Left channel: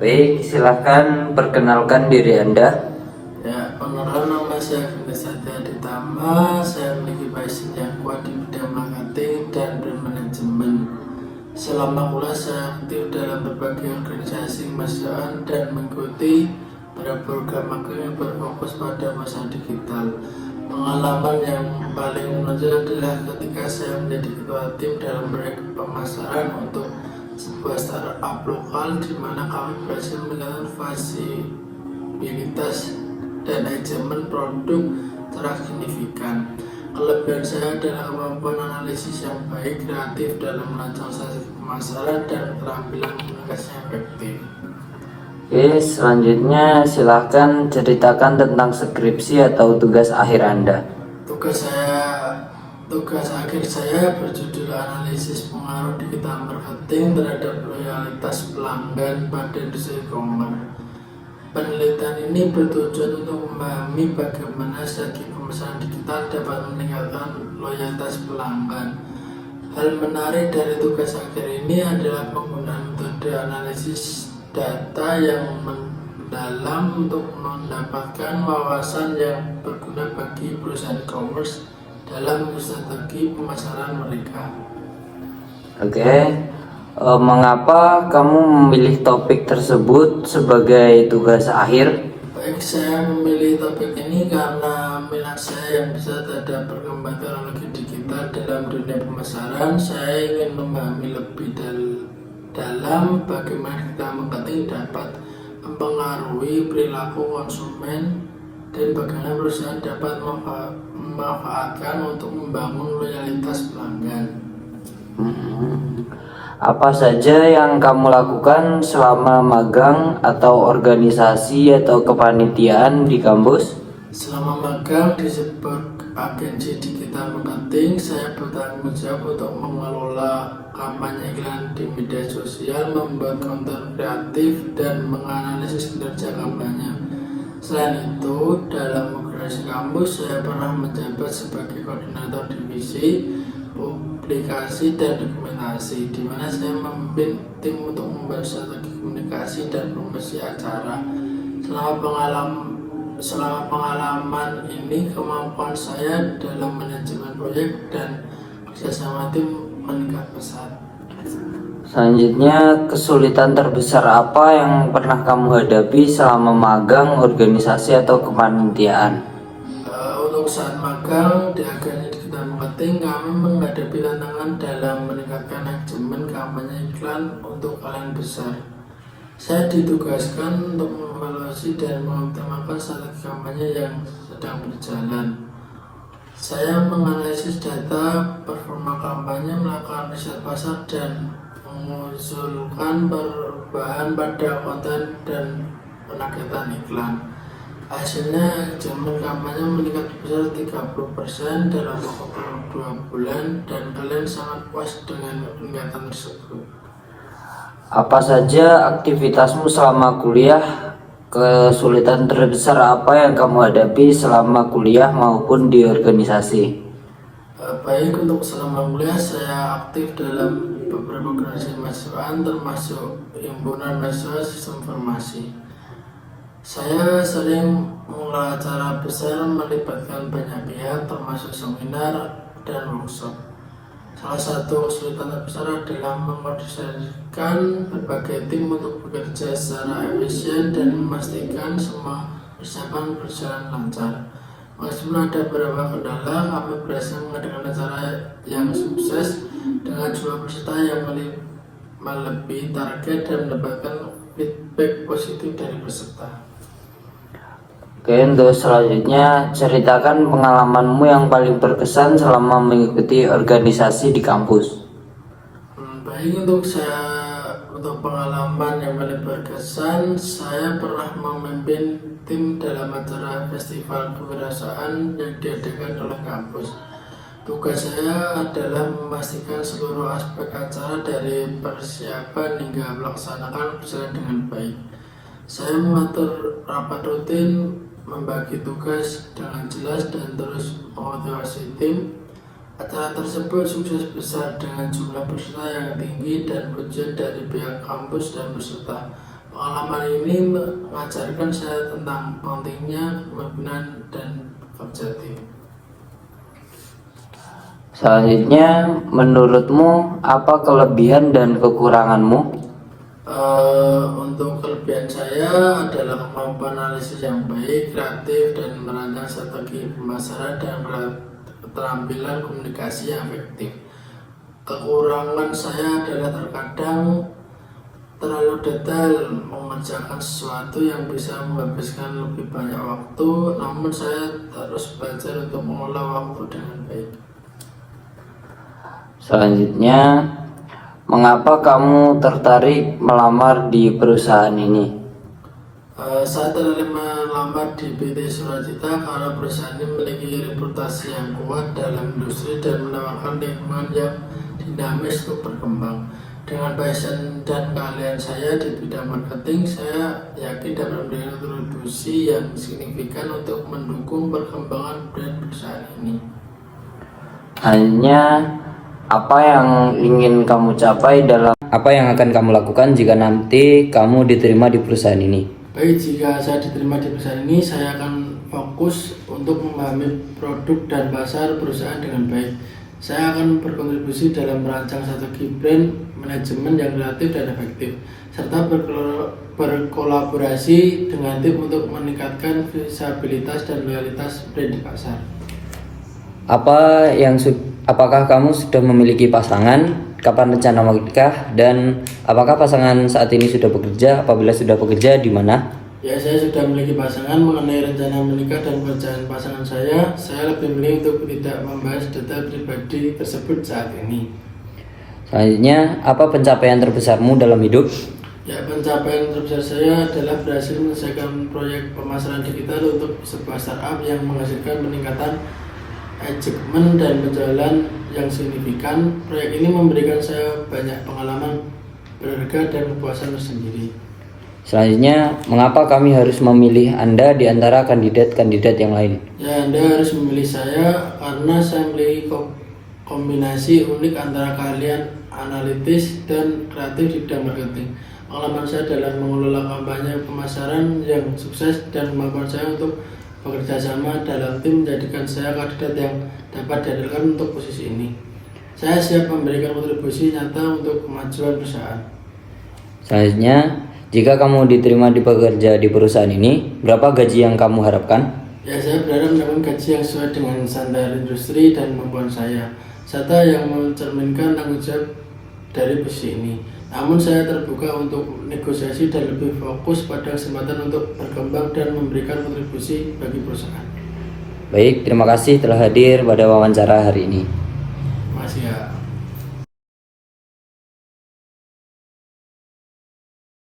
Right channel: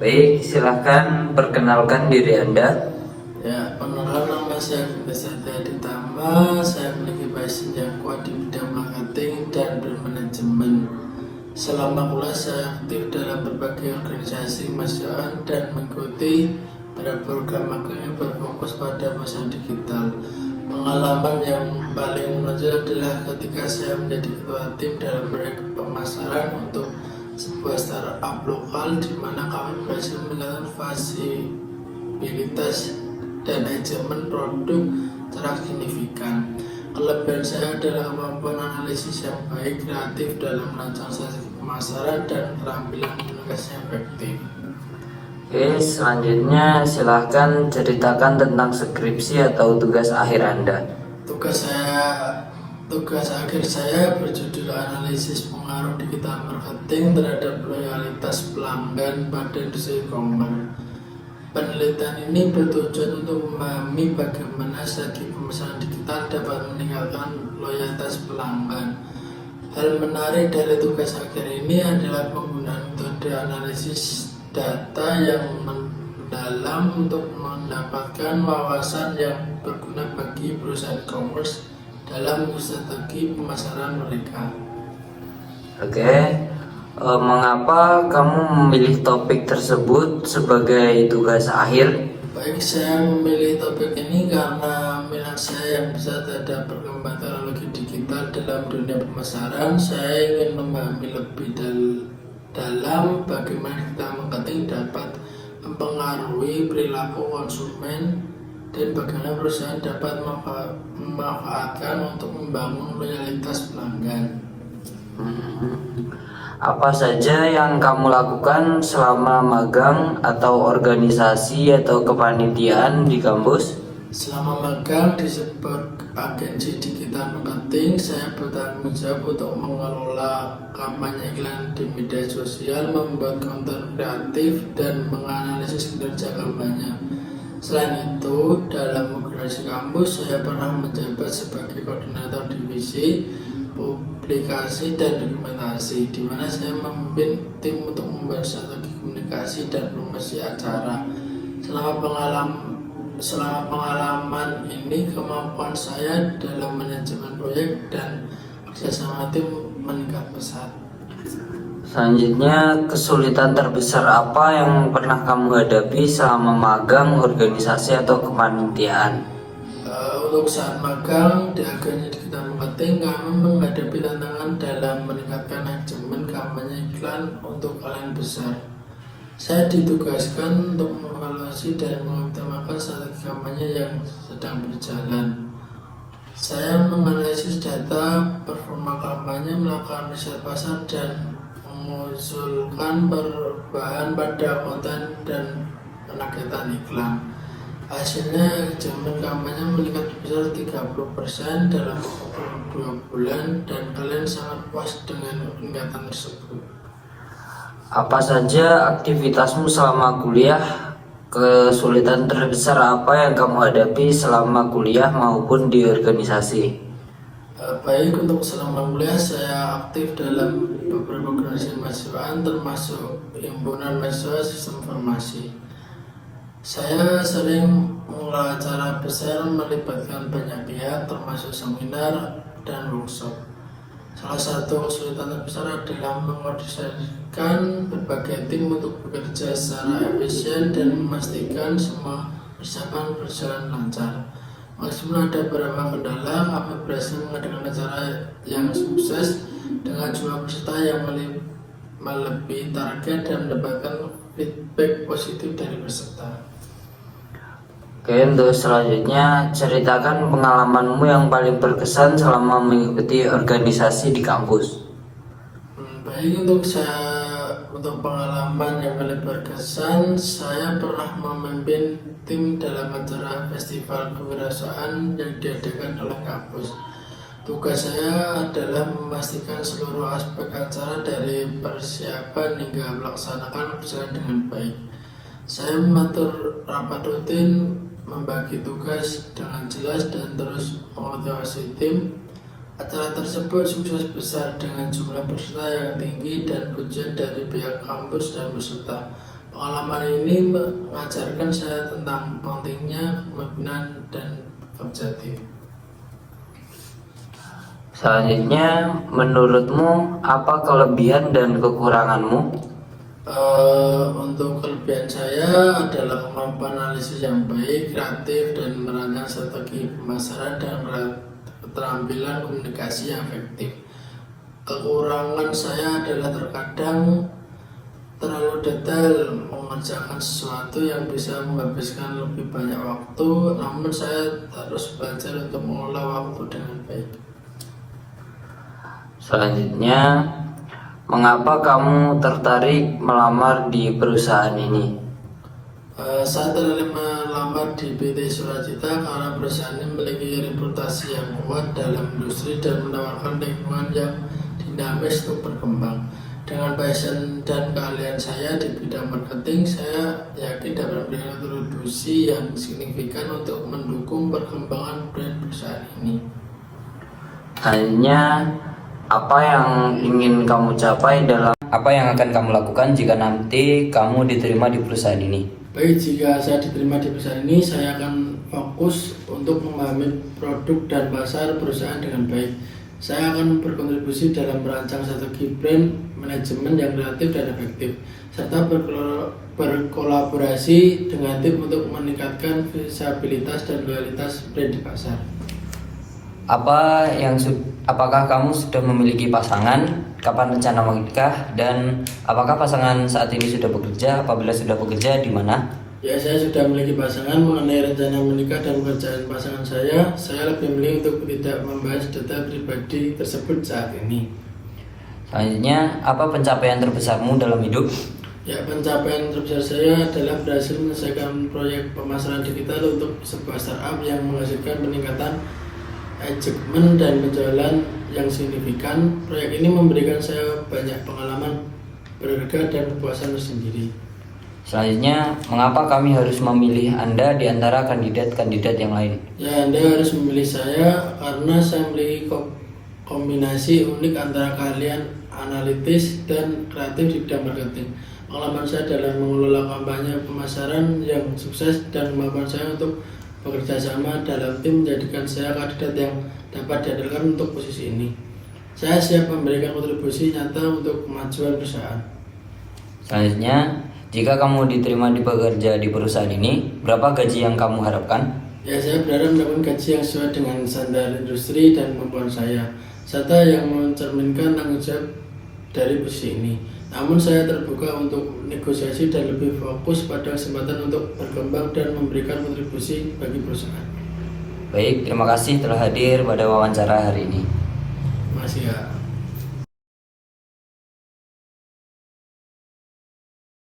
Baik, silakan perkenalkan diri Anda. Ya, perkenalkan nama saya Agus Ditama. Saya memiliki passion yang kuat di bidang marketing dan brand manajemen. Selama kuliah saya aktif dalam berbagai organisasi kemanusiaan dan mengikuti beberapa program magang yang berfokus pada masa digital. Pengalaman yang paling menonjol adalah ketika saya menjadi ketua tim dalam proyek pemasaran untuk sebuah startup lokal di mana kami berhasil menjalankan fasilitas dan manajemen produk secara signifikan. Kelebihan saya adalah kemampuan analisis yang baik, kreatif dalam merancang strategi pemasaran, dan keterampilan komunikasi yang efektif. Oke, selanjutnya silakan ceritakan tentang skripsi atau tugas akhir Anda. Tugas akhir saya berjudul analisis pengaruh digital marketing terhadap loyalitas pelanggan pada industri e-commerce. Penelitian ini bertujuan untuk memahami bagaimana strategi pemasaran digital dapat meningkatkan loyalitas pelanggan. Hal menarik dari tugas akhir ini adalah penggunaan metode analisis data yang mendalam untuk mendapatkan wawasan yang berguna bagi perusahaan e-commerce dalam strategi pemasaran mereka. Oke, mengapa kamu memilih topik tersebut sebagai tugas akhir? Baik, saya memilih topik ini karena minat saya yang besar terhadap perkembangan teknologi digital dalam dunia pemasaran. Saya ingin memahami lebih dalam bagaimana digital marketing dapat mempengaruhi perilaku konsumen dan bagaimana perusahaan dapat memanfaatkan untuk membangun loyalitas pelanggan. Apa saja yang kamu lakukan selama magang atau organisasi atau kepanitiaan di kampus? Selama magang di sebuah agensi digital marketing, saya bertanggung jawab untuk mengelola kampanye iklan di media sosial, membuat konten kreatif, dan menganalisis kinerja kampanye. Selain itu, dalam organisasi kampus, saya pernah menjabat sebagai koordinator divisi publikasi dan dokumentasi, di mana saya memimpin tim untuk membuat strategi komunikasi dan promosi acara. Selama pengalaman ini, kemampuan saya dalam manajemen proyek dan kerjasama tim meningkat pesat. Selanjutnya, kesulitan terbesar apa yang pernah kamu hadapi selama magang, organisasi atau kepanitiaan? Untuk saat magang di agensi digital marketing, kami menghadapi tantangan dalam meningkatkan manajemen kampanye iklan untuk klien besar. Saya ditugaskan untuk mengevaluasi dan mengoptimalkan strategi kampanye yang sedang berjalan. Saya menganalisis data performa kampanye, melakukan riset pasar, dan mengusulkan perubahan pada konten dan penagihan iklan. Hasilnya, jumlah kampanye meningkat sebesar 30% dalam waktu 2 bulan, dan kalian sangat puas dengan peningkatan tersebut. Apa saja aktivitasmu selama kuliah? Kesulitan terbesar apa yang kamu hadapi selama kuliah maupun di organisasi? Baik, untuk selama kuliah saya aktif dalam beberapa organisasi mahasiswaan termasuk himpunan mahasiswa sistem informasi. Saya sering mengelola acara besar melibatkan banyak pihak termasuk seminar dan workshop. Salah satu kesulitan terbesar adalah mengkoordinasikan berbagai tim untuk bekerja secara efisien dan memastikan semua persiapan berjalan lancar. Meskipun ada beberapa kendala, kami berhasil mengadakan acara yang sukses dengan jumlah peserta yang melebihi target dan mendapatkan feedback positif dari peserta. Oke, untuk selanjutnya ceritakan pengalamanmu yang paling berkesan selama mengikuti organisasi di kampus. Baik, untuk pengalaman yang paling berkesan, saya pernah memimpin tim dalam acara festival kewirausahaan yang diadakan oleh kampus. Tugas saya adalah memastikan seluruh aspek acara dari persiapan hingga melaksanakan berjalan dengan baik. Saya mengatur rapat rutin, membagi tugas dengan jelas, dan terus memotivasi tim. Acara tersebut sukses besar dengan jumlah peserta yang tinggi dan pujian dari pihak kampus dan peserta. Pengalaman ini mengajarkan saya tentang pentingnya kepemimpinan dan bekerja tim. Selanjutnya, menurutmu apa kelebihan dan kekuranganmu? Untuk kelebihan saya adalah kemampuan analisis yang baik, kreatif, dan merancang strategi pemasaran dan keterampilan komunikasi yang efektif. Kekurangan saya adalah terkadang terlalu detail mengerjakan sesuatu yang bisa menghabiskan lebih banyak waktu, namun saya terus belajar untuk mengelola waktu dengan baik. Selanjutnya, mengapa kamu tertarik melamar di perusahaan ini? Saya tertarik melamar di PT Sulacita karena perusahaan ini memiliki reputasi yang kuat dalam industri dan menawarkan lingkungan yang dinamis untuk berkembang. Dengan passion dan keahlian saya di bidang marketing, saya yakin dapat memberikan kontribusi yang signifikan untuk mendukung perkembangan brand perusahaan ini. Hanya apa yang ingin kamu capai dalam apa yang akan kamu lakukan jika nanti kamu diterima di perusahaan ini? Baik, jika saya diterima di perusahaan ini, saya akan fokus untuk memahami produk dan pasar perusahaan dengan baik. Saya akan berkontribusi dalam merancang strategi brand, manajemen yang kreatif dan efektif, serta berkolaborasi dengan tim untuk meningkatkan visibilitas dan loyalitas brand di pasar. Apakah kamu sudah memiliki pasangan? Kapan rencana menikah? Dan apakah pasangan saat ini sudah bekerja? Apabila sudah bekerja, di mana? Ya, saya sudah memiliki pasangan. Mengenai rencana menikah dan pekerjaan pasangan saya lebih memilih untuk tidak membahas data pribadi tersebut saat ini. Selanjutnya, apa pencapaian terbesarmu dalam hidup? Ya, pencapaian terbesar saya adalah berhasil menyelesaikan proyek pemasaran digital untuk sebuah startup yang menghasilkan peningkatan achievement dan penjualan yang signifikan. Proyek ini memberikan saya banyak pengalaman berharga dan kepuasan tersendiri. Selanjutnya, mengapa kami harus memilih Anda di antara kandidat-kandidat yang lain? Ya, Anda harus memilih saya karena saya memiliki kombinasi unik antara keahlian analitis dan kreatif di bidang marketing. Pengalaman saya dalam mengelola kampanye pemasaran yang sukses dan kemampuan saya untuk bekerja sama dalam tim menjadikan saya kandidat yang dapat diandalkan untuk posisi ini. Saya siap memberikan kontribusi nyata untuk kemajuan perusahaan. Selanjutnya, jika kamu diterima bekerja di perusahaan ini, berapa gaji yang kamu harapkan? Ya, saya berharap mendapatkan gaji yang sesuai dengan standar industri dan kemampuan saya, serta yang mencerminkan tanggung jawab dari posisi ini. Namun saya terbuka untuk negosiasi dan lebih fokus pada kesempatan untuk berkembang dan memberikan kontribusi bagi perusahaan. Baik, terima kasih telah hadir pada wawancara hari ini. Terima kasih ya.